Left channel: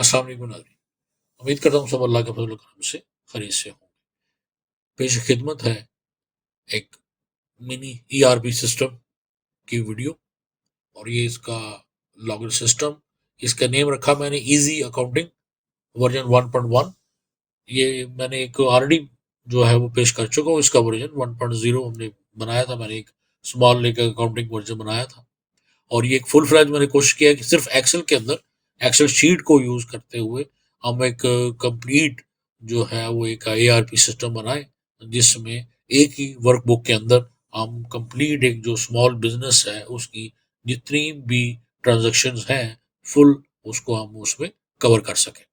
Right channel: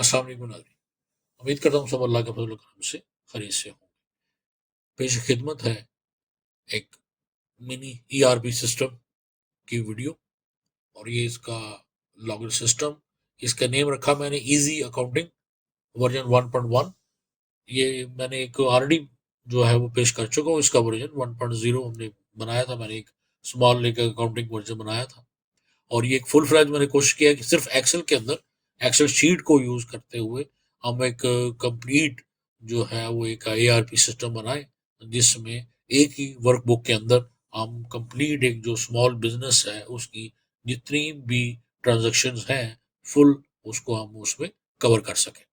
अस्सलाम वालेकुम नाज़रीन। उम्मीद करता हूँ सब अल्लाह के फजल करम से खैरियत से हों। पेश खिदमत है एक मिनी ईआरपी सिस्टम की वीडियो, और ये इसका लॉगिन सिस्टम, इसका नेम रखा मैंने इजी अकाउंटिंग वर्जन 1.1। ये मैंने एक ऑलरेडी जो है वो पेश कर चुका हूँ। इसका वर्जन 1.0 हमने बनाया था, मैंने एक स्मॉल लेकर अकाउंटिंग वर्जन बनाया था। और ये एक फुल फ्लैज मैंने कोशिश किया है कि सिर्फ एक्सेल के अंदर एक्सेल शीट को यूज करते हुए हम एक कंप्लीट जो है वो एक एआरपी सिस्टम बनाए, जिसमें एक ही वर्कबुक के अंदर हम कंप्लीट एक जो स्मॉल बिजनेस है उसकी जितनी भी ट्रांजेक्शन्स हैं फुल, उसको हम उसमें कवर कर सकें।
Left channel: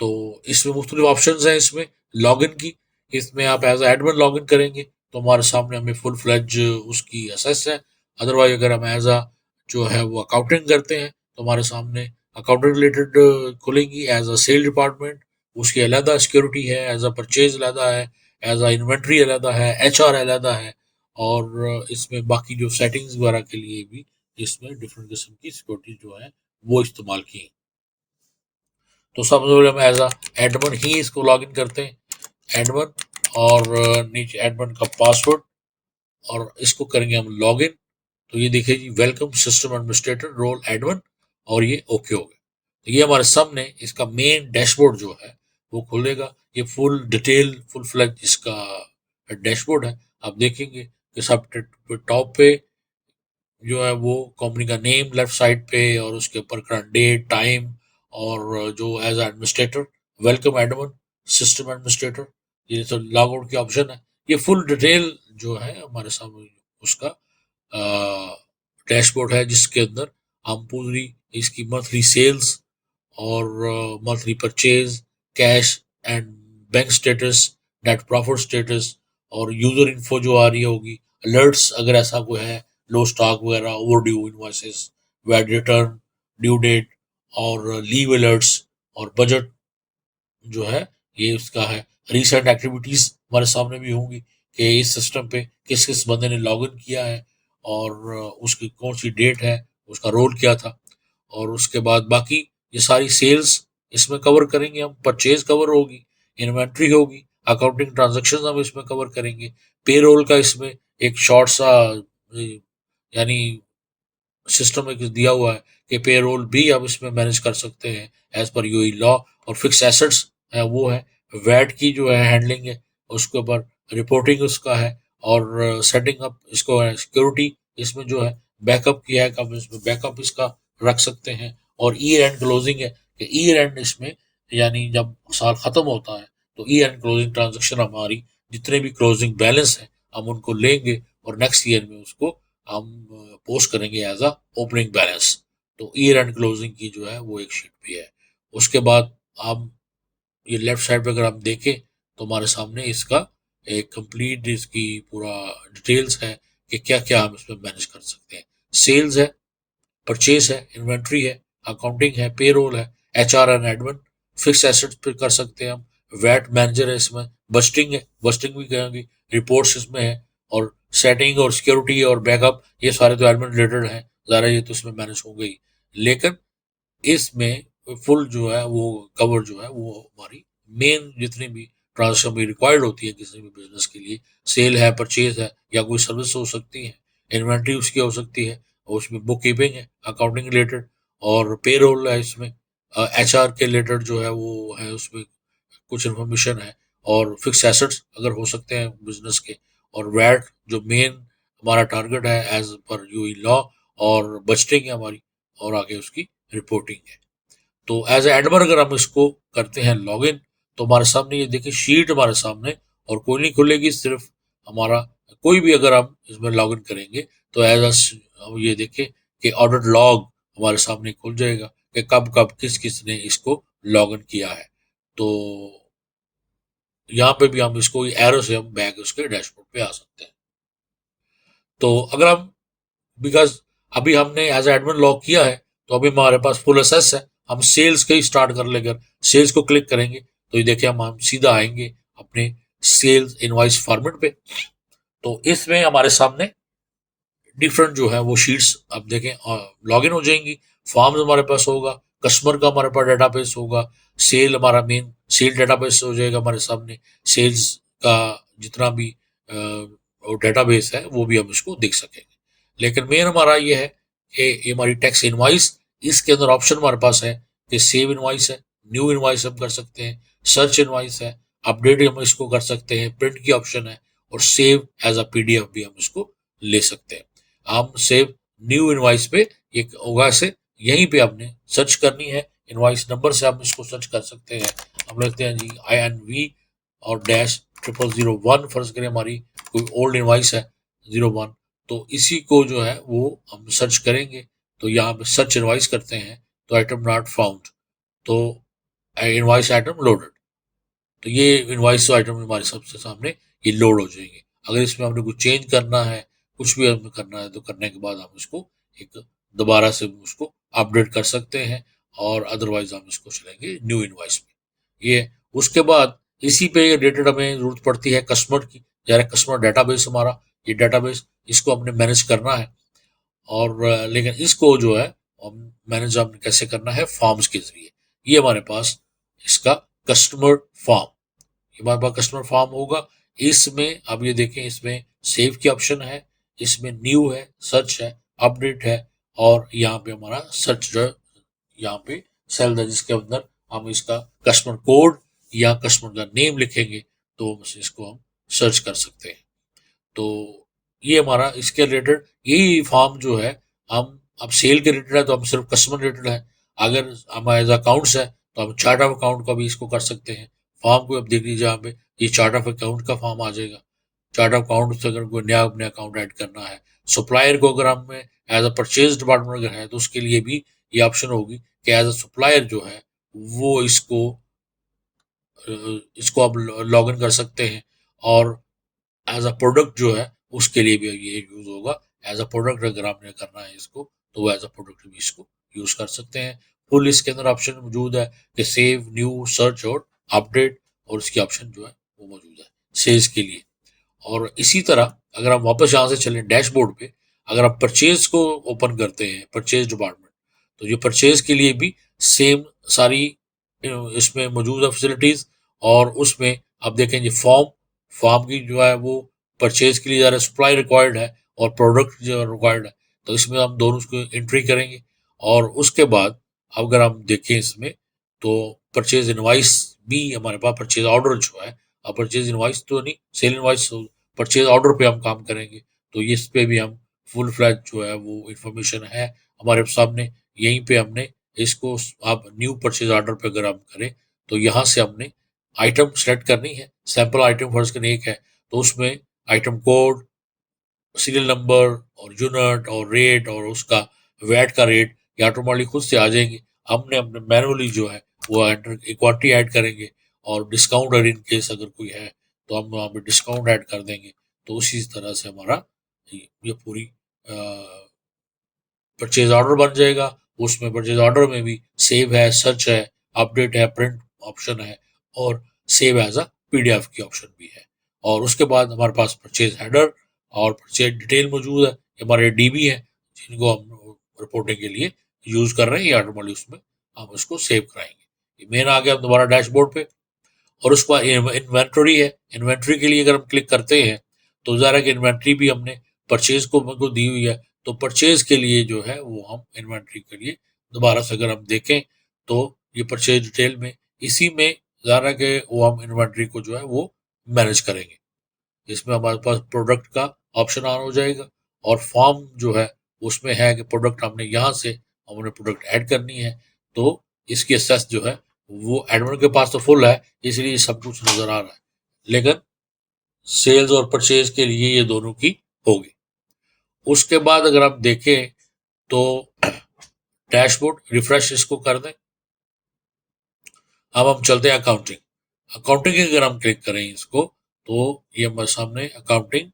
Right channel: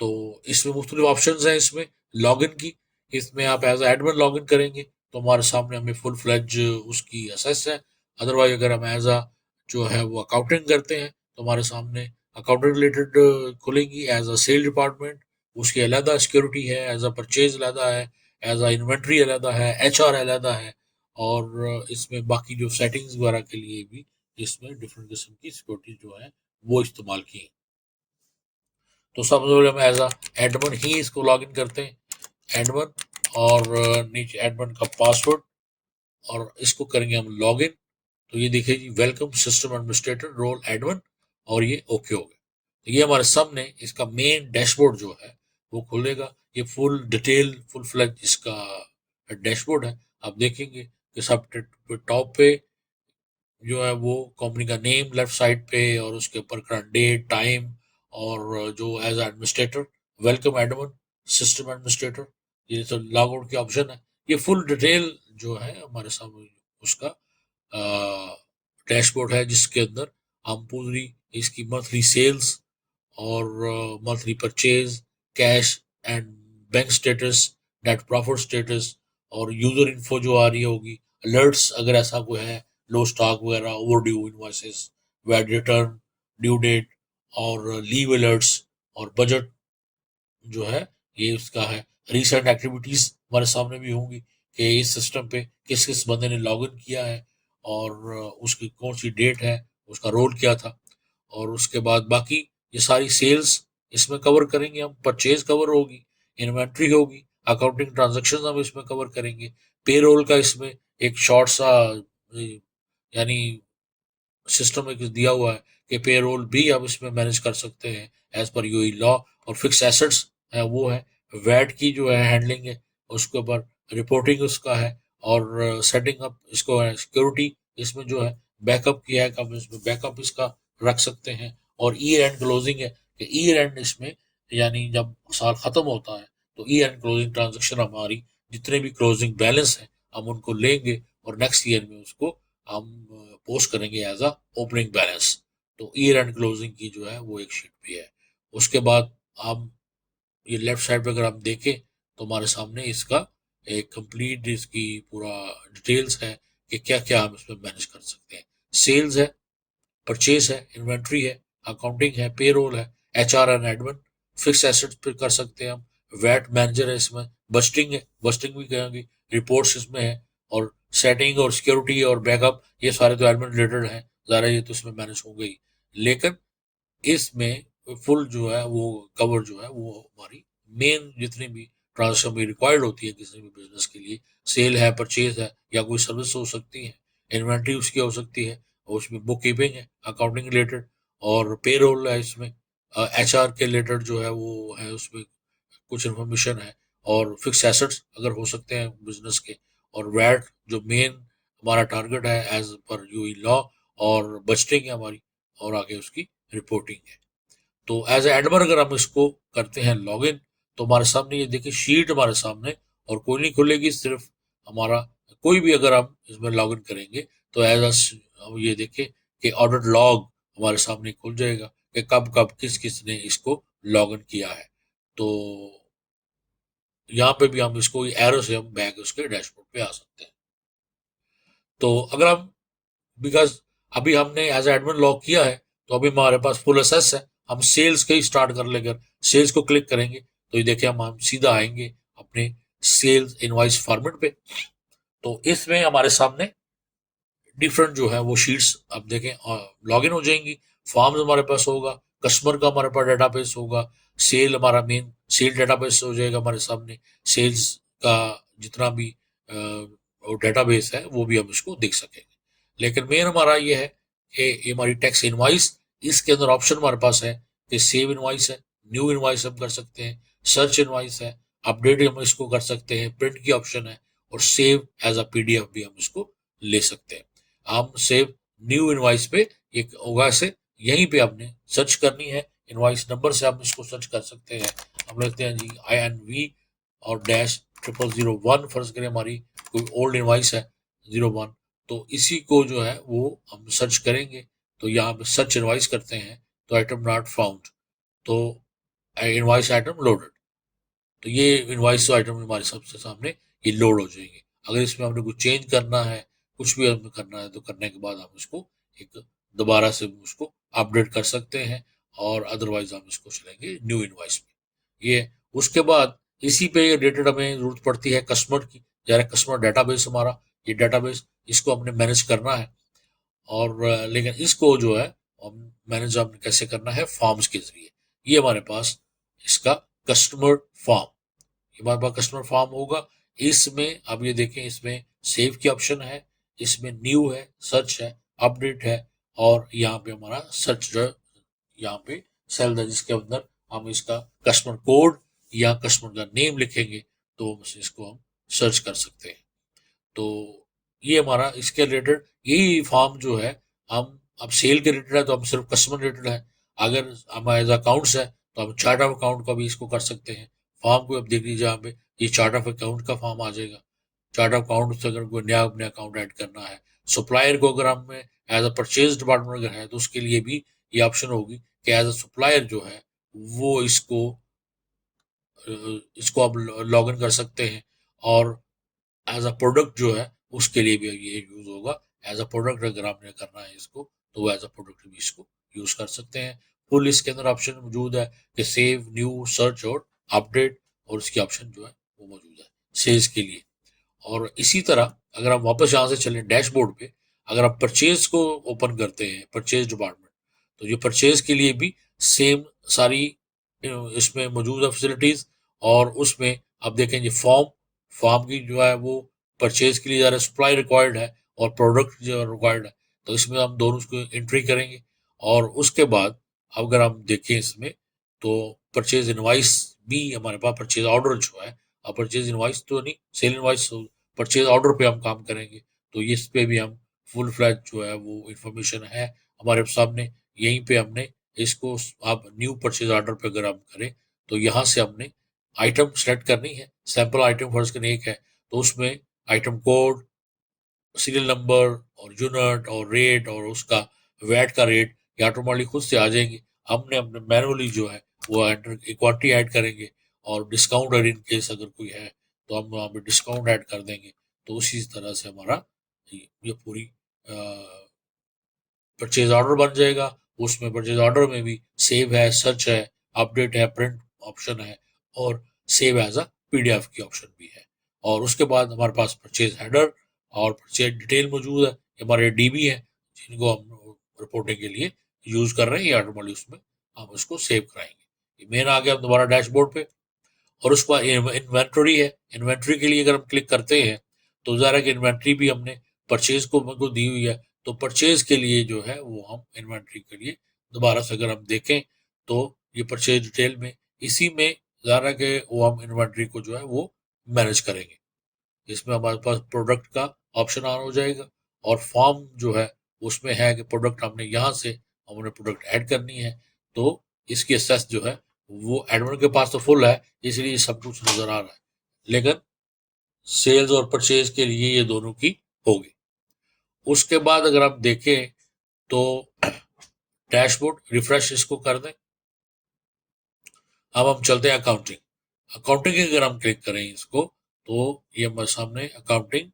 तो इसमें मुख्तलिफ ऑप्शन हैं। इसमें लॉगिन की, इसमें आप एज एडमिन लॉगिन करेंगे तो हमारे सामने हमें फुल फ्लैज उसकी एसेस है। अदरवाइज अगर हम एज अ जो है वो अकाउंटिंग करते हैं तो हमारे सामने अकाउंटिंग रिलेटेड खुलेंगी एज अ सेल डिपार्टमेंट, उसकी अलहदा सिक्योरिटी है, एज अ परचेज अलहदा है, एज अ इन्वेंट्री अलहदा है, एचआर अलहदा है। और इसमें बाकी जो सेटिंग्स वगैरह के लिए भी इसमें डिफरेंट किस्म की सिक्योरिटी जो है वो इस्तेमाल की है। तो सबसे पहले हम एज अ एडमिन ही इसको लॉगिन करते हैं, एडमिन, और नीचे एडमिन का पासवर्ड, और इसको करेंगे हम लॉगिन। तो ये देखिए जी, welcome system administrator role admin, और ये ओके हो गया। तो ये हमारे सामने इसका मेन डैशबोर्ड जो है वो खुलेगा। ये फुल डिटेल फुल फ्लैग इसका डैशबोर्ड है। आप देखेंगे कि सब टॉप पे जो है वो कंपनी का नेम लेफ्ट साइड पे, और उसके ऊपर करंट डेट, टाइम, और जो as administrator welcome admin system administrator, ये तो लॉग आउट की ऑप्शन है। ये फुल डिटेल जो है हमारे सामने उसका डैशबोर्ड है, जिसके अंदर हम पूरी इसकी मंथली सेल्स और monthly purchase, cash and bank status, net profit status, और यूजर इन्फो जो आ रही होगी, अलर्ट्स अगर ऐसा कोई है, लो स्टॉक वगैरह, over due invoices, VAT return, due date, और लीव अलर्ट्स, और बजट जो है ये उसका है। रीसेंट एक्टिविटीज हमारे सामने भी होंगी कि इस सिस्टम पे किस किस बंदे ने लॉग इन किया है, और उसकी कौन सी डेट है, उसका रोल क्या था। और उसके बाद बाकी ये सारी सेल्स इसमें कवर करेंगे हम, परचेज कवर होगी, इन्वेंट्री होगी, अकाउंटिंग ट्रांजेक्शन हम इसमें कवर करेंगे, पेरोल का इसमें एक शॉर्ट सा यानी सिस्टम एक दिया हुआ है कि पेरोल भी आप इसमें मैनेज कर सकते हैं एज पर यूई लॉ। और फिक्स एसेट्स है वो है, वैट की जो है हैंडलिंग है, उसके ऊपर रिपोर्टिंग उसका है, और सेटिंग अप इसको है सिक्योरिटी इसमें जो है, बैकअप किया है कब इसमें बैकअप इसका रख सकते हैं। और ईयर एंड क्लोजिंग है कि ईयर एंड इसमें यानी जब साल खत्म होता है तो ईयर एंड क्लोजिंग ट्रांजेक्शन हमारी जितने भी क्लोजिंग बैलेंस है हम उनको लेंगे और नेक्स्ट ईयर में उसको हम पोस्ट करेंगे एज अ ओपनिंग बैलेंस। तो ईयर एंड क्लोजिंग की जो है वो एक शीट भी है। उसके बाद हम ये लेफ्ट साइड पे अगर आप देखें तो हमारे सामने इसका एक कंप्लीट इसकी पूरा डिटेल्स है कि क्या क्या हम इसमें मैनेज कर सकते हैं। सेल्स है, परचेज है, इन्वेंट्री है, अकाउंटिंग है, पेरोल है, HR and admin, fix assets पे कर सकते हैं हम, वैट मैनेजर है इसमें, बस्टिंग है, बस्टिंग भी करेंगे, रिपोर्ट्स इसमें है, और सेटिंग और सिक्योरिटी और बैकअप ये सारे तो एडमिन रिलेटेड है, ज़्यादा ये तो इसमें मैनेज हो गई। लेकिन इसमें फुल जो है वो कवर जो है वो हमारी मेन जितनी भी ट्रांजेक्शन भी रिक्वायर्ड होती है किसी भी बिजनेस के लिए, सेल है, परचेज है, या कोई सर्विस हो सकती है, इन्वेंट्री उसकी हो सकती है, और उसमें बुक कीपिंग है अकाउंटिंग रिलेटेड, और पेरोल है इसमें, एचआर के रिलेटेड जो है वो है उसमें कुछ इन्फॉर्मेशन है, और फिक्स एसेट्स अगर हो सकते हैं बिजनेस के, और वैट जो मेन हमारा टारगेट है एज पर यूई लॉ, और बजटिंग है हमारी, और आगे उसकी रिपोर्टिंग है। तो एज एडमर अगर हम इसको करते हैं लॉगिन तो हमारे सामने ये देखिए शीट हमारे सामने, और कोई नहीं खुलेगी, सिर्फ हमारा कोई भी अगर हम इसमें लॉगिन करेंगे तो एज ये देखें कि ऑडिट लॉग हमारे सामने खुल जाएगा कि कब कब किस किस ने इसको लॉगिन किया है। तो यहाँ पे भी हम इसको एरो से हम बैक उसके डैशबोर्ड पे आ सकते हैं। तो अगर हम बिकॉज अभी हमने एज एडमिन लॉग किया है तो अभी हमारे पास फुल एसेस है, हम सेल्स के ही स्टार्ट कर लेकर सेल्स को क्लिक करेंगे तो ये देखिए हम सीधा आएंगे अपने सेल्स इनवाइस फॉर्मेट पे। तो इसमें हमारे सामने डिफरेंट जो है वो शीट्स अब देखें लॉगिन हो जाएंगी, फॉर्म्स हमारे पास होगा, कस्टमर का हमारे पास डेटाबेस होगा, सेल हमारा मेन सेल डेटाबेस हो जाएगा हमारे सामने, सेल्स का जितना भी डेटाबेस है वो भी हम इसको देख सकेंगे। लेकिन मेन हमारा ये है कि ये हमारी टैक्स इनवाइस, इसके अंदर ऑप्शन हमारे पास है कि सेव इनवाइस है, न्यू इनवाइस हम कर सकते हैं, सर्च इनवाइस है, अपडेट हम इसको कर सकते हैं, प्रिंट की ऑप्शन है, और सेव एज अ पीडीएफ भी हम इसको ले सकते हैं। हम सेव न्यू इनवाइस पे एक होगा से यहीं पे आपने सर्च करनी है, इनवाइस नंबर से हम इसको सर्च कर सकते हैं। हम लिखते हैं जी INV और डैश 0001, फर्ज करें हमारी कोई ओल्ड इनवाइस है 01, तो इसी को जो है वो हम सर्च करेंगे। तो यहाँ पे सर्च इनवाइस करते हैं तो आइटम नॉट फाउंड, तो इनवाइस आइटम लोडेड, तो ये इनवाइस आइटम हमारे सबसे सामने ये लोड हो जाएंगे। अगर इसमें हमने कुछ चेंज करना है, कुछ भी हमें करना है, तो करने के बाद हम इसको एक दोबारा से उसको अपडेट कर सकते हैं, और अदरवाइज हम इसको चलेंगे न्यू इनवाइस में। ये उसके बाद इसी पे रिलेटेड हमें जरूरत पड़ती है कस्टमर की, यार कस्टमर डेटाबेस हमारा, ये डेटाबेस इसको हमने मैनेज करना है। और लेकिन इसको जो है मैनेज हमने कैसे करना है, फॉर्म्स के जरिए। ये हमारे पास इसका कस्टमर फॉर्म, हमारे पास कस्टमर फॉर्म होगा। इसमें अब ये देखें, इसमें सेव की ऑप्शन है, इसमें न्यू है, सर्च है, अपडेट है, और यहाँ पे हमारा सर्च जो यहाँ पे सेल है जिसके अंदर हम इसका कस्टमर कोड या कस्टमर का नेम लिखेंगे तो इसको हम सर्च कर सकते हैं। तो ये हमारा इसके रिलेटेड यही फॉर्म जो है, हम अब सेल के रिलेटेड है तो हम सिर्फ कस्टमर रिलेटेड है, अगर हमारे अकाउंट्स है तो हम चार्ट ऑफ अकाउंट का भी इसको कर सकते हैं। फॉर्म को अब देख लीजिए, यहाँ पे ये चार्ट ऑफ अकाउंट का फॉर्म आ जाएगा। चार्ट ऑफ अकाउंट से अगर कोई नया अपने अकाउंट ऐड करना है, सप्लायर को अगर हमें एज अ परचेज डिपार्टमेंट अगर है तो उसके लिए भी ये ऑप्शन होगी कि एज अ सप्लायर जो है वो इसको आप लॉग इन कर सकते हैं, और एज अ प्रोडक्ट जो है उसके लिए भी ये यूज होगा। एज अ प्रोडक्ट अगर आपने करना है इसको तो वो एज अ प्रोडक्ट भी इसको यूज कर सकते हैं। फुल इसके अंदर ऑप्शन मौजूद है कि सेव, न्यू, सर्च और अपडेट, और इसकी ऑप्शन जो है वो मौजूद है सेल्स के लिए। और इसी तरह अगर हम वापस यहाँ से चलें डैशबोर्ड पे, अगर आप परचेज को ओपन करते हैं, परचेज डिपार्टमेंट, तो ये परचेज के लिए भी सेम सारी इसमें मौजूद है फैसिलिटीज। और उसमें आप देखेंगे फॉर्म, फॉर्म की जो है वो परचेज के लिए ज़्यादा सप्लाई रिक्वायर्ड है और प्रोडक्ट जो रिक्वायर्ड है, तो इसमें हम दोनों उसको एंट्री करेंगे। और उसके बाद अगर हम देखें इसमें तो परचेज इनवाइस भी हमारे पास, परचेज ऑर्डर जो है, अब परचेज इनवाइस तो नहीं, सेल इनवाइस, परचेज ऑर्डर पे हम काम करेंगे। तो इस पे भी हम फुल फ्लैज जो है वो इंफॉर्मेशन है हमारे सामने, यहीं पे हमने इसको, आप न्यू परचेज ऑर्डर पे अगर हम करें तो यहाँ से हमने आइटम सेलेक्ट करनी है। सैंपल आइटम फर्स्ट करने एक है, तो उसमें आइटम कोड, सीरियल नंबर और यूनिट और रेट और उसका वैट का रेट ये ऑटोमेटिकली खुद से आ जाएंगे। हमने अपने मैनुअली जो है वो एंटर क्वांटिटी ऐड करेंगे, और डिस्काउंट अगर इन केस अगर कोई है तो हम वहाँ पे डिस्काउंट ऐड कर देंगे। तो उसी तरह से हमारा ये पूरी परचेज ऑर्डर बन जाएगा। उसमें परचेज ऑर्डर में भी सेव है, सर्च है, अपडेट है, प्रिंट ऑप्शन है, और सेव एज अ पीडीएफ की ऑप्शन भी है। और उसके बाद हमारे पास परचेज हेडर और परचेज डिटेल मौजूद है, हमारे डीबी है जिनको हम रिपोर्टिंग के लिए यूज कर रहे हैं, या ऑटोमेटिक उसमें हम उसको सेव कराएंगे। मेन आ गया दोबारा डैशबोर्ड पे। और उसके बाद इन्वेंट्री है, इन्वेंट्री के लिए अगर हम क्लिक करते हैं तो ज़रा कि इन्वेंट्री भी हमने परचेज को दी हुई है, तो परचेज के लिए जो है वो हम इन्वेंट्री के लिए दोबारा से अगर हम देखें तो ये परचेज डिटेल में इसी में ज़रा के वो हम इन्वेंट्री को जो है वो मैनेज करेंगे। इसमें हमारे पास प्रोडक्ट का ऑप्शन ऑन हो जाएगा, और फॉर्म जो है उसमें है कि प्रोडक्ट हमने यहाँ से हमने प्रोडक्ट ऐड करनी है। तो इसकी एक्सेस जो है वो एडमिन के पास तो फुल है, इसलिए सब कुछ नजर आ रहा है, लेकिन सेल्स और परचेज के लिए ये दोनों की होगी। उसके बाद अगर आप देखें तो डैशबोर्ड रिफ्रेश इसको कर दें। अब हम चलते हैं अकाउंटिंग। अकाउंटिंग की अगर हम क्लिक करें इसको तो ये हमारे सामने अकाउंटिंग,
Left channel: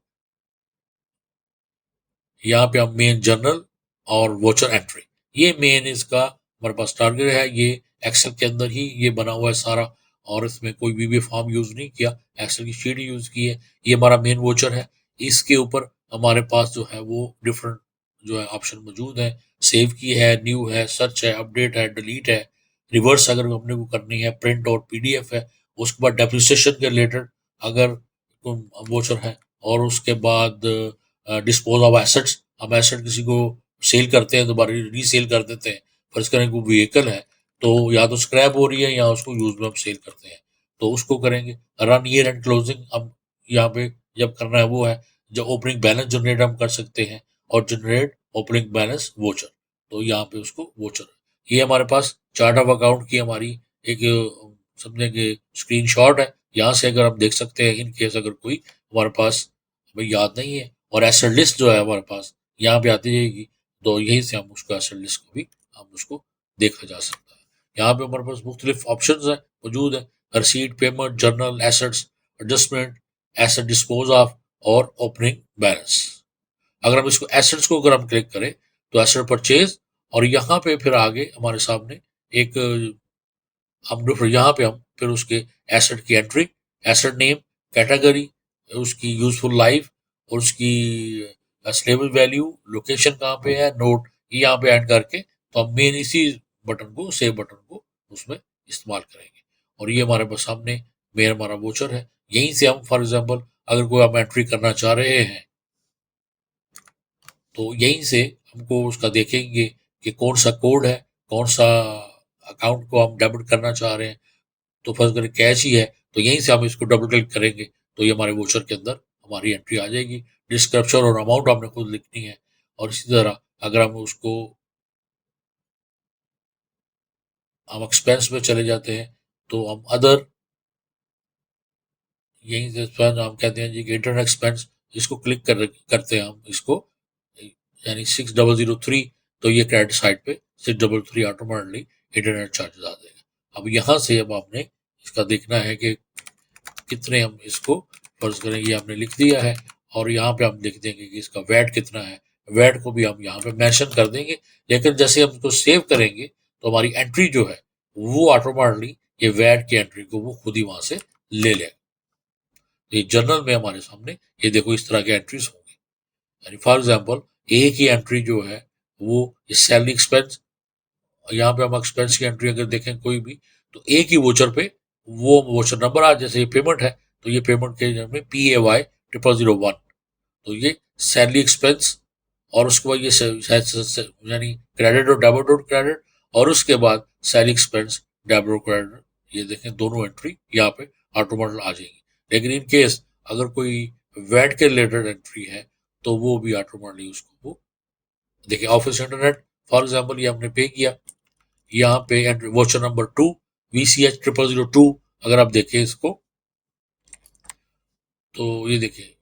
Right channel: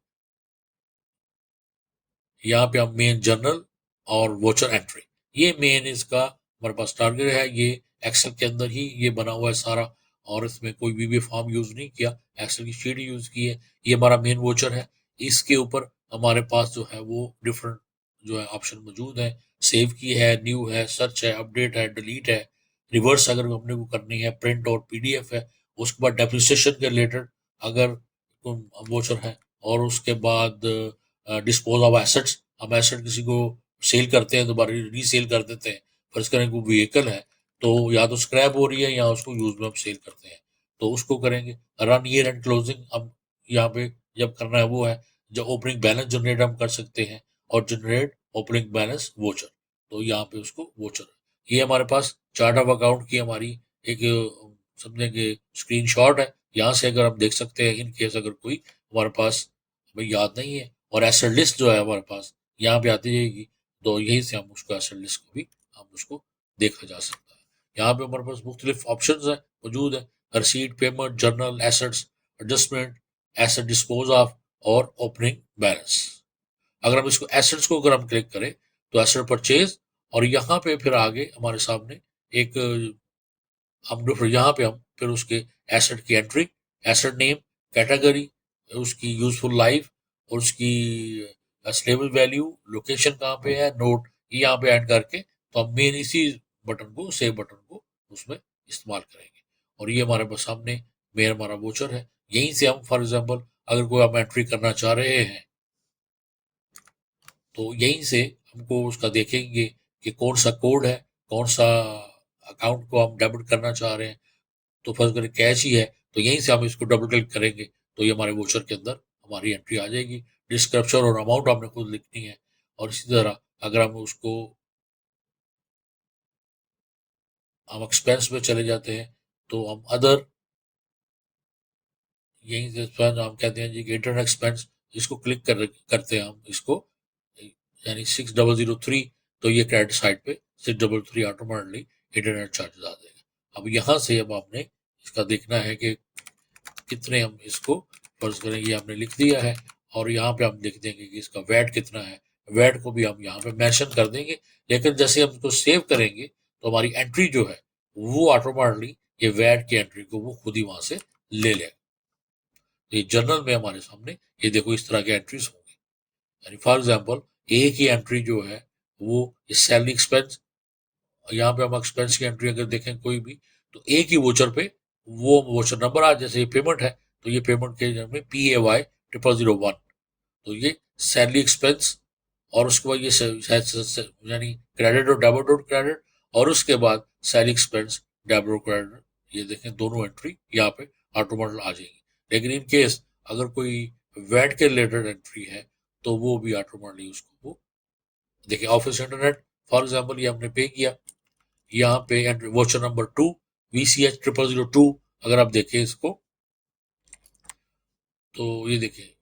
यहाँ पे हम मेन जर्नल और वोचर एंट्री, ये मेन इसका हमारे पास टारगेट है। ये एक्सेल के अंदर ही ये बना हुआ है सारा, और इसमें कोई भी फॉर्म यूज नहीं किया, एक्सेल की शीट यूज की है। ये हमारा मेन वोचर है, इसके ऊपर हमारे पास जो है वो डिफरेंट जो है ऑप्शन मौजूद है। सेव की है, न्यू है, सर्च है, अपडेट है, डिलीट है, रिवर्स अगर अपने को करनी है, प्रिंट और पीडीएफ है। उसके बाद डेप्रिसिएशन के रिलेटेड अगर वोचर है, और उसके बाद डिस्पोज ऑफ एसेट्स, हम एसेट किसी को सेल करते हैं, दोबारा रीसेल कर देते हैं। फर्ज करें वो व्हीकल है, तो या तो स्क्रैप हो रही है या उसको यूज में हम सेल करते हैं, तो उसको करेंगे। रन ईयर एंड क्लोजिंग हम यहाँ पे जब करना है वो है। जब ओपनिंग बैलेंस जनरेट हम कर सकते हैं, और जनरेट ओपनिंग बैलेंस वोचर, तो यहाँ पे उसको वोचर, ये हमारे पास चार्ट ऑफ अकाउंट की हमारी एक समझेंगे स्क्रीनशॉट है। यहाँ से अगर हम देख सकते हैं, इन केस अगर कोई हमारे पास हमें याद नहीं है, और एसेट लिस्ट जो है हमारे पास यहाँ पे आती जाएगी, तो यहीं से हम उसको एसेट लिस्ट को भी हम उसको देखा जा सकता है। यहाँ पे हमारे पास मुख्तलिफ ऑप्शन है मौजूद है। रसीद, payment, journal, assets, adjustment, asset dispose of, और ओपनिंग बैलेंस। अगर हम इसको एसेट्स को अगर हम क्लिक करें, तो एसेट परचेज, और यहाँ पे फिर आगे हमारे सामने एक हम फिर यहाँ पे हम फिर उसके एसेट की एंट्री, एसेट नेम, कैटेगरी, उसकी यूजफुल लाइफ, और उसकी स्टेबल वैल्यू, लोकेशन कहाँ पे है, नोट, ये यहाँ पे ऐड करके, तो हम मेन इसी बटन को, सेव बटन को उसमें इस्तेमाल करेंगे। और ये हमारे पास सामने मेन हमारा वोचर है। यहीं से हम फॉर एग्जांपल अगर कोई हम एंट्री करना चाह रहे हैं, तो यहीं से हमको उसका देखेंगे कि कौन सा कोड है, कौन सा अकाउंट को हम डेबिट करना चाह रहे हैं। तो फर्स्ट करें कैश ही है, तो यहीं से हम इसको डबल क्लिक करेंगे, तो ये हमारे वोचर के अंदर हमारी एंट्री आ जाएगी। डिस्क्रिप्शन और अमाउंट हमने खुद लिखनी है। और इसी तरह अगर हम उसको हम एक्सपेंस में चले जाते हैं, तो हम अदर, यहीं से हम कहते हैं जी कि इंटरनेट एक्सपेंस, इसको क्लिक करते हैं हम इसको, यानी 6003, तो ये क्रेडिट साइड पे 633 ऑटोमेटिकली इंटरनेट चार्जेस आ जाएगा। अब यहाँ से अब आपने इसका देखना है कि कितने हम इसको फर्ज करेंगे, हमने लिख दिया है, और यहाँ पे हम लिख देंगे कि इसका वैट कितना है। वैट को भी हम यहाँ पे मेंशन कर देंगे, लेकिन जैसे हम इसको सेव करेंगे, तो हमारी एंट्री जो है वो ऑटोमेटिकली ये वैट की एंट्री को वो खुद ही वहां से ले लेगा। ये जर्नल में हमारे सामने ये देखो इस तरह के एंट्रीज होंगे। यानी फॉर एग्जांपल एक ही एंट्री जो है वो सैलरी एक्सपेंस, यहाँ पे हम एक्सपेंस की एंट्री अगर देखें कोई भी, तो एक ही वोचर पे वो वोचर नंबर आ, जैसे ये पेमेंट है, तो ये पेमेंट के में PAY 0001, तो ये सैलरी एक्सपेंस, और उसके बाद ये यानी क्रेडिट और डेबिट और क्रेडिट, और उसके बाद सैलरी एक्सपेंस, डेबिट और क्रेडिट, ये देखें दोनों एंट्री यहाँ पे ऑटोमेटिक आ जाएंगी। लेकिन इन केस अगर कोई वैट के रिलेटेड एंट्री है, तो वो भी ऑटोमेटिकली उसको वो देखिए। ऑफिस इंटरनेट फॉर एग्जाम्पल ये हमने पे किया, यहाँ पे वोचर नंबर 2 VCH 0002, अगर आप देखें इसको, तो ये देखिए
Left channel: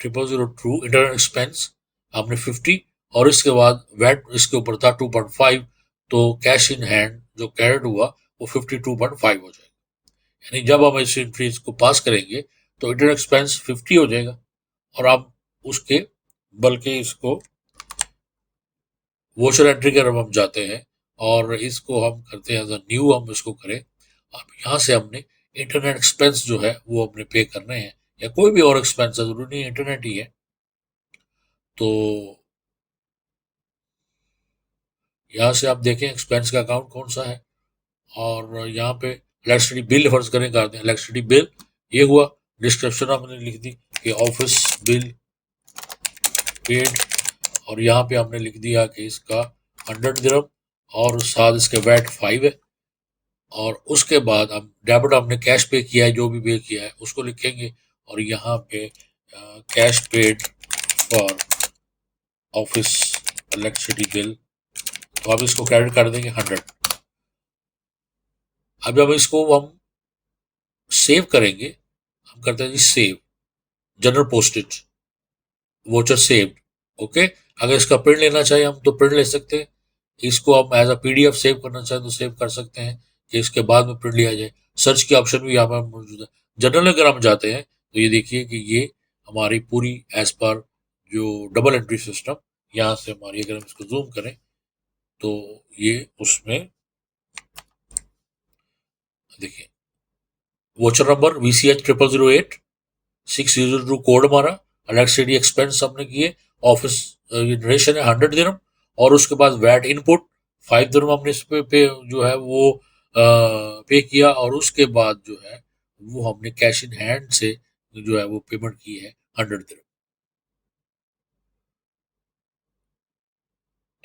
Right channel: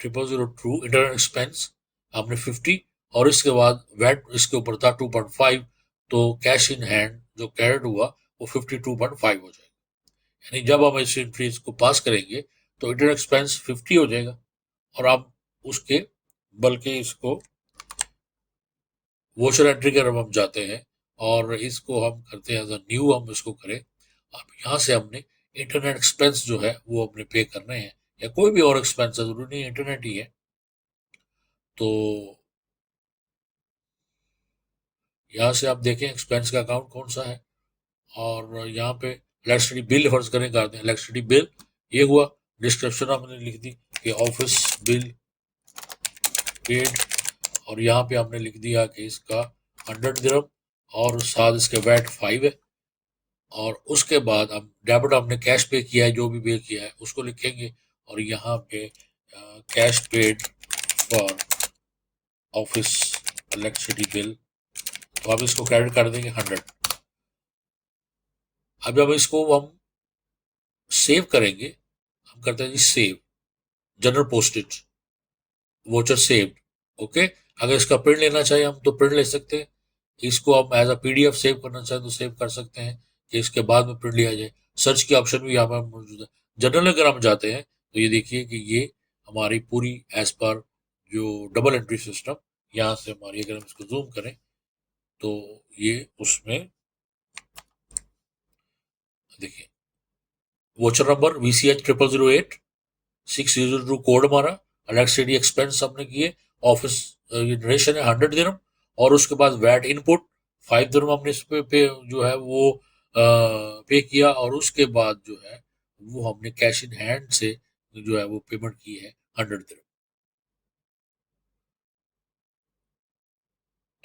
0002 इंटरनेट एक्सपेंस आपने 50, और इसके बाद वैट इसके ऊपर था 2.5, तो कैश इन हैंड जो क्रेडिट हुआ वो 52.5 हो जाएगा। यानी जब हम इस एंट्रीज को पास करेंगे, तो इंटरनेट एक्सपेंस 50 हो जाएगा, और आप उसके बल्कि इसको वोचर एंट्री के हम जाते हैं, और इसको हम करते हैं एज न्यू, हम इसको करें। अब यहाँ से हमने इंटरनेट एक्सपेंस जो है वो अपने पे करने हैं, या कोई भी और एक्सपेंस है, जरूरी नहीं इंटरनेट ही है। तो यहाँ से आप देखें एक्सपेंस का अकाउंट कौन सा है, और यहाँ पे इलेक्ट्रिसिटी बिल फर्ज करें करते हैं, इलेक्ट्रिसिटी बिल ये हुआ। डिस्क्रिप्शन हमने लिख दी कि ऑफिस बिल पेड, और यहाँ पे हमने लिख दिया कि इसका 100 दिरहम, और साथ इसके वैट 5 है। और उसके बाद हम डेबिट हमने कैश पे किया है, जो भी पे किया है उसको लिखेंगे, और यहाँ पे cash paid for office electricity bill, तो अब इसको क्रेडिट कर देंगे 100। अब इसको हम सेव करेंगे, हम करते हैं जी save, general postage, voucher saved, okay. अगर इसका प्रिंट लेना चाहिए हम, तो प्रिंट ले सकते हैं। इसको हम एज अ PDF सेव करना चाहें तो सेव कर सकते हैं, कि इसके बाद में प्रिंट लिया जाए। सर्च की ऑप्शन भी यहाँ पर मौजूद है। जनरल अगर हम जाते हैं, तो ये देखिए कि ये हमारी पूरी एज पर जो डबल एंट्री सिस्टम, यहाँ से हमारी अगर हम इसको जूम करें, तो ये उसमें देखिए वोचर नंबर VCH 0008, 602 कोड हमारा, इलेक्ट्रिसिटी एक्सपेंस हमने किए, ऑफिस नरेशन है 100 दिरहम, और उसके बाद वैट इनपुट 5 दिरहम हमने इस पे जो है वो पे किया, और उसके बाद जो है वो हमने कैश इन हैंड से जो है वो पेमेंट की है 100 दिरहम।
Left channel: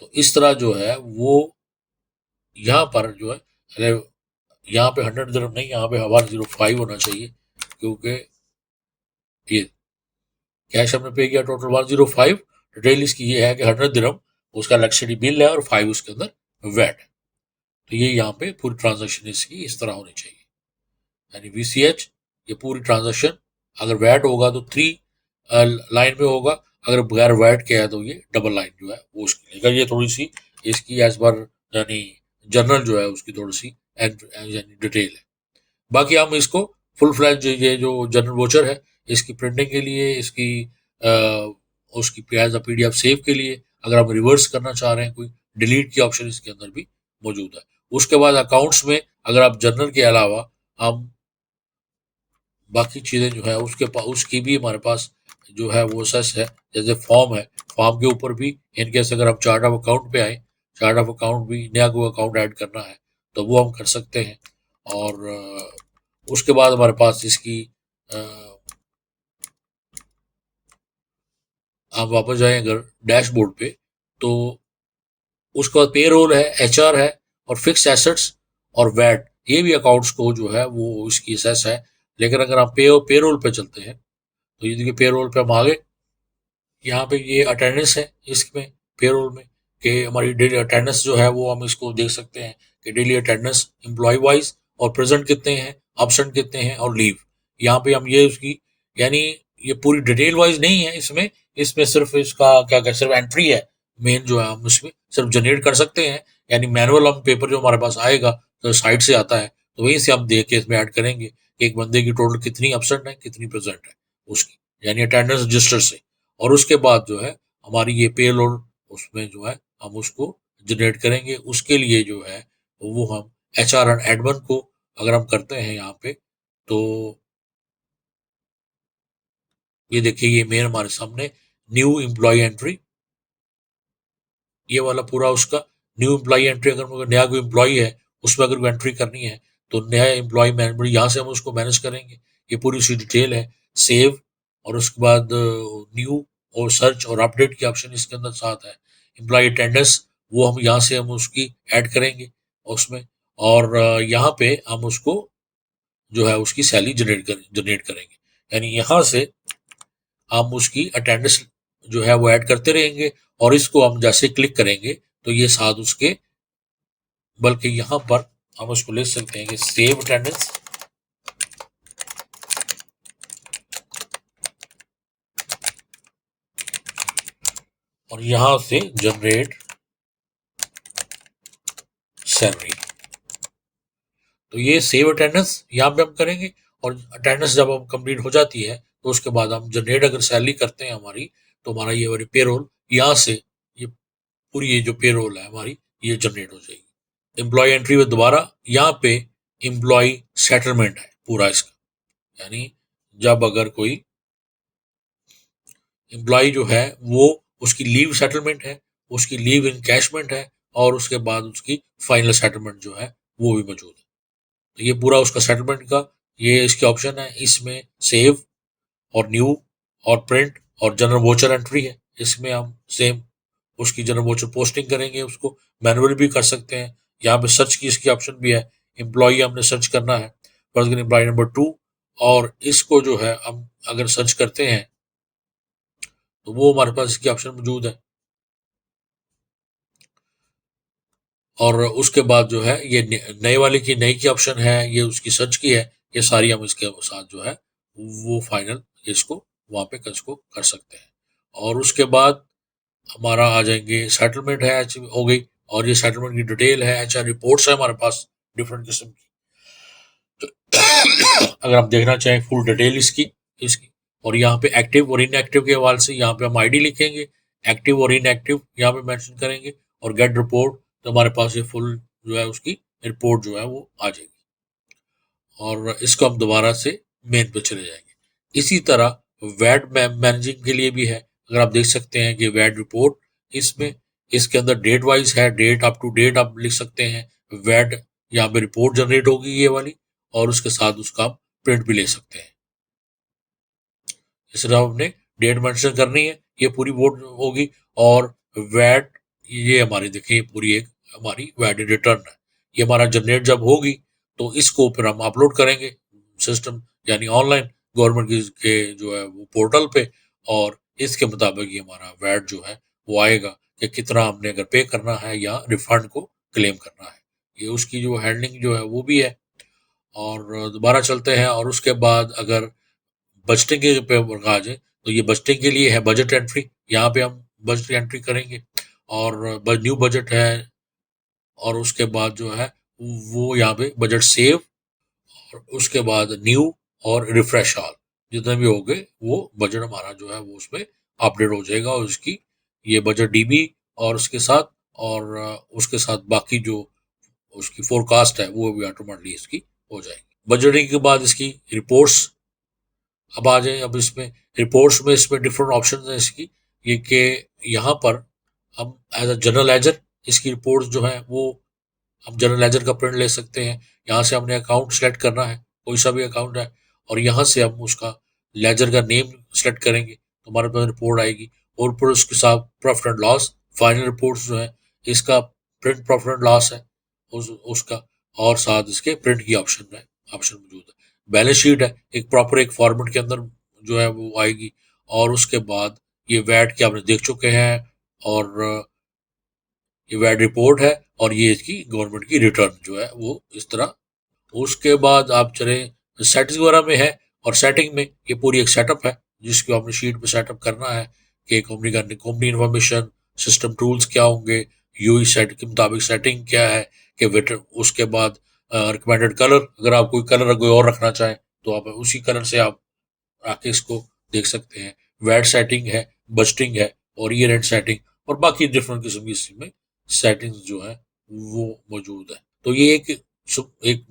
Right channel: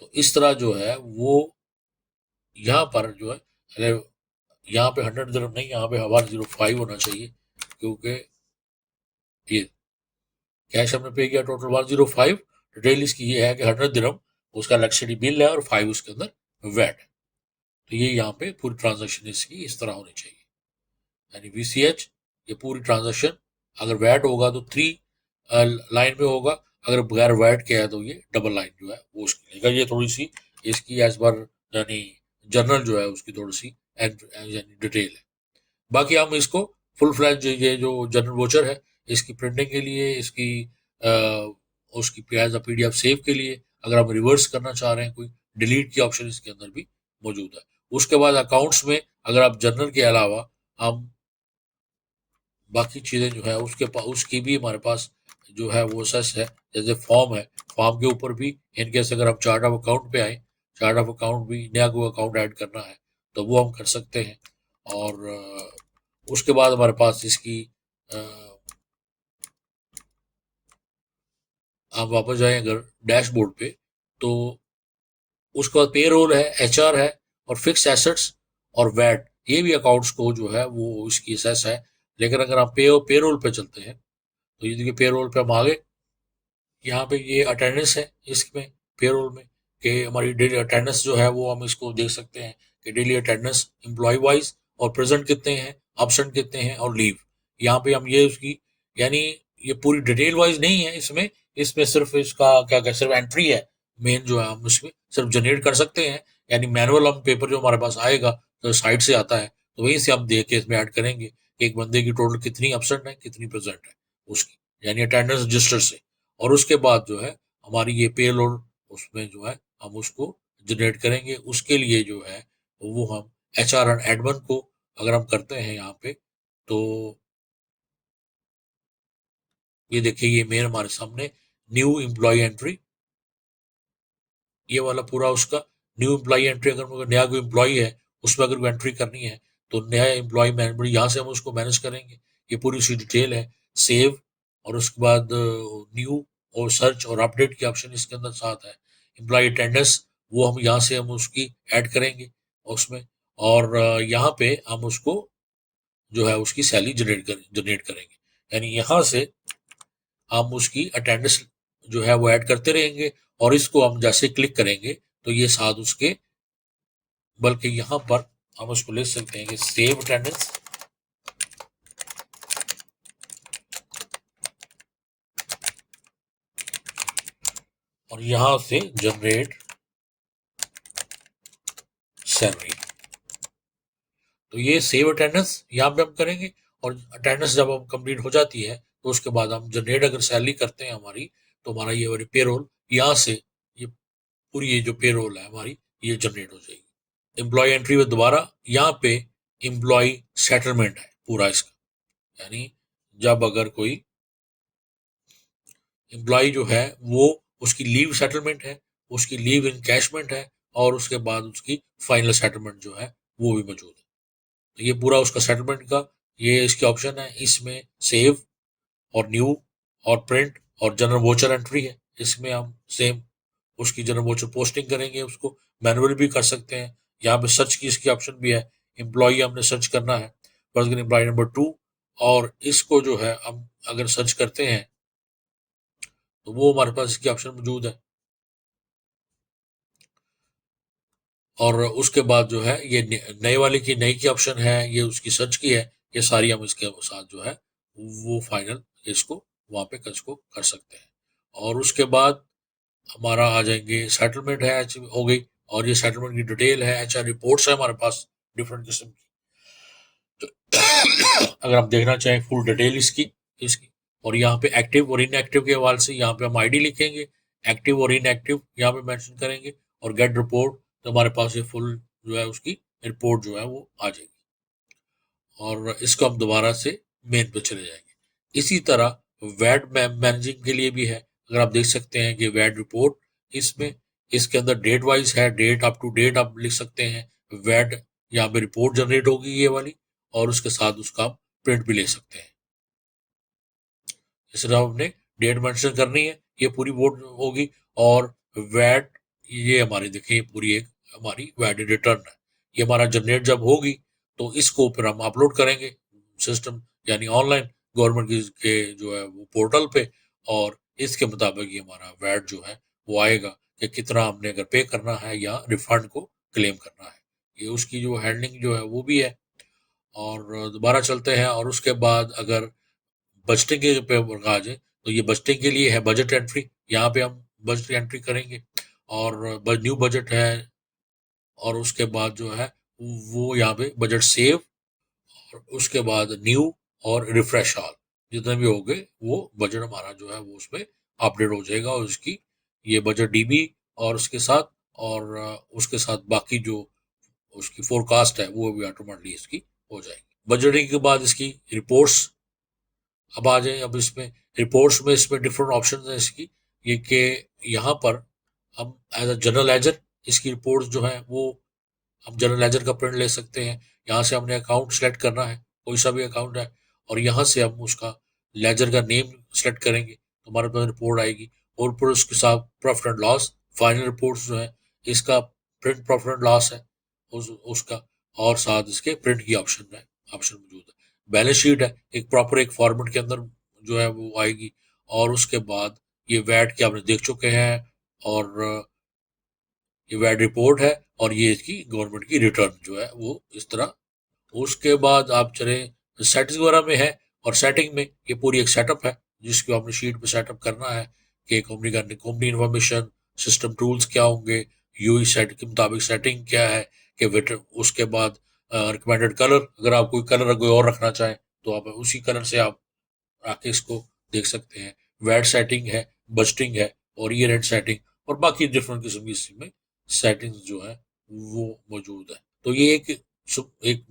तो इस तरह जो है वो यहाँ पर जो है, अरे यहाँ पे 100 दिरहम नहीं, यहाँ पे 105 होना चाहिए, क्योंकि ये कैश हमने पे किया टोटल 105। डिटेल इसकी ये है कि 100 दिरहम उसका इलेक्ट्रिसिटी बिल है और 5 उसके अंदर वैट है। तो ये यहाँ पे पूरी ट्रांजेक्शन इसकी इस तरह होनी चाहिए, यानी VCH, ये पूरी ट्रांजेक्शन अगर वैट होगा तो 3 लाइन में होगा, अगर बगैर वैट के है तो ये डबल लाइन जो है वो उसकी लेगा। ये थोड़ी सी इसकी एज पर यानी जनरल जो है उसकी थोड़ी सी यानी डिटेल है। बाकी हम इसको फुल फ्लैज ये जो जनरल वोचर है इसकी प्रिंटिंग के लिए, इसकी अ, उसकी एज PDF सेव के लिए, अगर हम रिवर्स करना चाह रहे हैं कोई, डिलीट की ऑप्शन इसके अंदर भी मौजूद है। उसके बाद अकाउंट्स में अगर आप जनरल के अलावा हम बाकी चीज़ें जो है उसकी भी हमारे पास जो है वो सस है, जैसे फॉर्म है, फॉर्म के ऊपर भी इनकेस अगर हम चार्ट ऑफ अकाउंट पे आए, चार्ट ऑफ अकाउंट भी नया कोई अकाउंट ऐड करना है तो वो हम कर सकते हैं। और उसके बाद हमारे पास इसकी अ, आप वापस जाएं अगर डैशबोर्ड पे, तो उसके बाद पे रोल है, HR है, और फिक्स एसेट्स और वैट, ये भी अकाउंट्स को जो है वो इसकी सेस है। लेकिन अगर हम पे रोल पे चलते हैं तो ये देखिए पे रोल पे हम आगे, यहाँ पे ये अटेंडेंस है इसमें पेरोल में, कि हमारी डेली अटेंडेंस जो है वो हम इसको देख सकते हैं कि डेली अटेंडेंस एम्प्लॉय वाइज और प्रेजेंट कितने हैं, एब्सेंट कितने हैं, और लीव। यहाँ पे हम ये उसकी यानी ये पूरी डिटेल वाइज नहीं है इसमें, इसमें सिर्फ इसका क्या कहते हैं, सिर्फ एंट्री है मेन जो है, हम इसमें सिर्फ जनरेट कर सकते हैं। यानी मैनुअल हम पेपर जो हमारे पास आएगा तो साइट से आता है, तो वहीं से हम देख के इसमें ऐड करेंगे कि एक बंदे की टोटल कितनी एब्सेंट है कितनी प्रेजेंट है उसकी, यानी अटेंडेंस रजिस्टर से। और उसके बाद जो है हमारी ये पेरोल उसमें जो है हम उसको जनरेट करेंगे। उसके लिए जो है वो हम HR एंड एडमिन को अगर हम करते हैं यहाँ पे, तो ये देखिए ये मेन हमारे सामने न्यू एम्प्लॉय एंट्री, ये वाला पूरा उसका न्यू एम्प्लॉय एंट्री। अगर मुझे नया कोई एम्प्लॉय है उसमें अगर एंट्री करनी है तो नया एम्प्लॉय मैनेजमेंट यहाँ से हम उसको मैनेज करेंगे। ये पूरी उसकी डिटेल है, सेव, और उसके बाद न्यू और सर्च और अपडेट की ऑप्शन इसके अंदर साथ है। एम्प्लॉय अटेंडेंस वो हम यहाँ से हम उसकी ऐड करेंगे उसमें, और यहाँ पे हम उसको जो है उसकी सैलरी जनरेट करेंगे। यानी यहाँ से हम उसकी अटेंडेंस जो है वो ऐड करते रहेंगे, और इसको हम जैसे क्लिक करेंगे तो ये साथ उसके, बल्कि यहाँ पर हम उसको ले सकते हैं कि सेव अटेंडेंस, और यहाँ से जनरेट सैलरी। तो ये सेव अटेंडेंस यहाँ पे हम करेंगे, और अटेंडेंस जब हम कंप्लीट हो जाती है तो उसके बाद हम जनरेट अगर सैलरी करते हैं हमारी, तो हमारा ये वाली पेरोल यहाँ से ये पूरी ये जो पेरोल है हमारी ये जनरेट हो जाएगी। एम्प्लॉय एंट्री में दोबारा यहाँ पे एम्प्लॉय सेटलमेंट है पूरा इसका, यानी जब अगर कोई एम्प्लॉय जो है वो उसकी लीव सेटलमेंट है, उसकी लीव इनकैशमेंट है, और उसके बाद उसकी फाइनल सेटलमेंट जो है वो भी मौजूद है। तो ये पूरा उसका सेटलमेंट का ये इसके ऑप्शन है, इसमें सेव और न्यू और प्रिंट और जनरल वोचर एंट्री है। इसमें हम सेम उसकी जनरल वोचर पोस्टिंग करेंगे, उसको मैनुअल भी कर सकते हैं। यहाँ पे सर्च की इसकी ऑप्शन भी है, एम्प्लॉय हमने सर्च करना है, पर्सनल एम्प्लॉय नंबर 2, और इसको जो है हम अगर सर्च करते हैं तो वो हमारे पास इसकी ऑप्शन मौजूद है। और उसके बाद जो है ये नए वाले की नई की ऑप्शन है, ये उसकी सर्च की है, ये सारी हम इसके साथ जो है वो फाइनल इसको वहाँ पे इसको कर सकते हैं। और उसके बाद हमारा आ जाएंगे सेटलमेंट है हो गई, और ये सेटलमेंट की डिटेल है, HR रिपोर्ट्स है हमारे पास डिफरेंट किस्म की। अगर आप देखना चाहें फुल डिटेल इसकी इसकी और यहाँ पे एक्टिव और इनएक्टिव के हवाले से यहाँ पे हम ID लिखेंगे, एक्टिव और इनएक्टिव यहाँ पे मेंशन करेंगे, और गेट रिपोर्ट, तो हमारे पास ये फुल जो है उसकी रिपोर्ट जो है वो आ जाएगी, और इसको हम दोबारा से मेन पे चले जाएंगे। इसी तरह वैट मैनेजिंग के लिए भी है, अगर आप देख सकते हैं कि वैट रिपोर्ट, इसमें इसके अंदर डेट वाइज है, डेट अप टू डेट आप लिख सकते हैं, वैट यहाँ पे रिपोर्ट जनरेट होगी ये वाली, और उसके साथ उसका आप प्रिंट भी ले सकते हैं। इसलिए हमने डेट मेंशन करनी है, ये पूरी वोट होगी, और वैट, ये हमारी देखिए पूरी एक हमारी वैट रिटर्न है, ये हमारा जनरेट जब होगी तो इसको फिर हम अपलोड करेंगे सिस्टम, यानी ऑनलाइन गवर्नमेंट के जो है वो पोर्टल पे, और इसके मुताबिक ये हमारा वैट जो है वो आएगा कि कितना हमने अगर पे करना है या रिफंड को क्लेम करना है, ये उसकी जो हैंडलिंग जो है वो भी है। और दोबारा चलते हैं, और उसके बाद अगर बजटिंग के पे आ जाए तो ये बजटिंग के लिए है बजट एंट्री, यहाँ पे हम बजट एंट्री करेंगे, और न्यू बजट है, और उसके बाद जो है वो यहाँ पे बजट सेव, और उसके बाद न्यू और रिफ्रेश ऑल, जितने भी हो गए वो बजट हमारा जो है वो उसमें अपडेट हो जाएगा, और उसकी ये बजट डीबी और उसके साथ, और उसके साथ बाकी जो उसकी फोरकास्ट है वो भी ऑटोमेटिकली इसकी हो जाएगी। बजटिंग के बाद इसकी रिपोर्ट्स अब आ जाए। अब इसमें रिपोर्ट्स में इसमें डिफरेंट ऑप्शन है इसकी, ये कि यहाँ पर हम एज अ जनरल लेजर इसकी रिपोर्ट्स जो है वो हम जनरल लेजर का प्रिंट ले सकते हैं। यहाँ से हमने अकाउंट सेलेक्ट करना है, कोई सा भी अकाउंट है, और यहाँ से हम उसका लेजर का नेम सेलेक्ट करेंगे तो हमारे पास रिपोर्ट आएगी, और फिर उसके साथ profit and loss final report जो है इसका प्रिंट प्रॉफिट एंड लॉस है उसका, और साथ इसके प्रिंट की ऑप्शन मौजूद है। बैलेंस शीट है, एक प्रॉपर एक फॉर्मेट के अंदर जो है वो आएगी, और उसके बाद ये वैट के आपने देख चुके हैं, और ये वैट रिपोर्ट है, और ये इसकी गवर्नमेंट की रिटर्न जो है वो इस तरह। उसके बाद आप चले सेटिंग वगैरह में है, और सेटिंग में ये पूरी एक सेटअप है जिसको हमने शीट पे सेटअप करना है कि कंपनी इन्फॉर्मेशन, सिस्टम टूल्स क्या होंगे, यूई सेट के मुताबिक सेटिंग क्या है, कि वेटर, उसके बाद रिकमेंडेड कलर, अगर आप कोई कलर कोई और रखना चाहें तो आप उसी कलर से आप आके इसको देख सकते हैं। वैट सेटिंग है, बजटिंग है, और ईयर एंड सेटिंग, और बाकी डिफरेंट किस्म की इसमें सेटिंग्स जो है वो मौजूद है। तो ये एक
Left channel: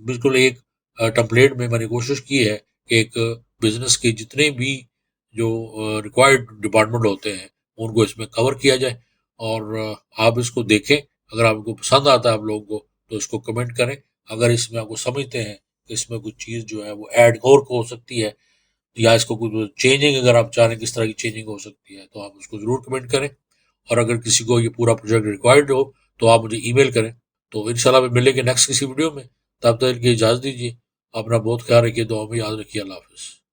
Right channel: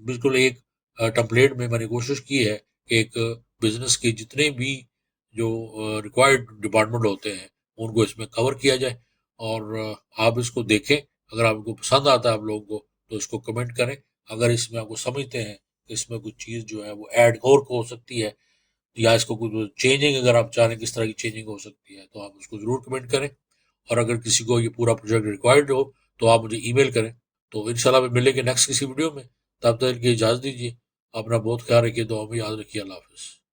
बिल्कुल एक टेम्पलेट में मैंने कोशिश की है कि एक बिजनेस के जितने भी जो रिक्वायर्ड डिपार्टमेंट होते हैं उनको इसमें कवर किया जाए, और आप इसको देखें, अगर आपको पसंद आता है आप लोगों को तो इसको कमेंट करें, अगर इसमें आपको समझते हैं कि इसमें कुछ चीज़ जो है वो ऐड और हो सकती है, या इसको कुछ चेंजिंग अगर आप चाह रहे हैं किस तरह की चेंजिंग हो सकती है तो आप उसको ज़रूर कमेंट करें, और अगर किसी को ये पूरा प्रोजेक्ट रिक्वायर्ड हो तो आप मुझे ईमेल करें। तो इंशाल्लाह मिलेंगे नेक्स्ट किसी वीडियो में, तब तक के लिए इजाज़त दीजिए, अपना बहुत ख्याल रखिए, दुआ में याद रखिए, अल्लाह हाफिज़।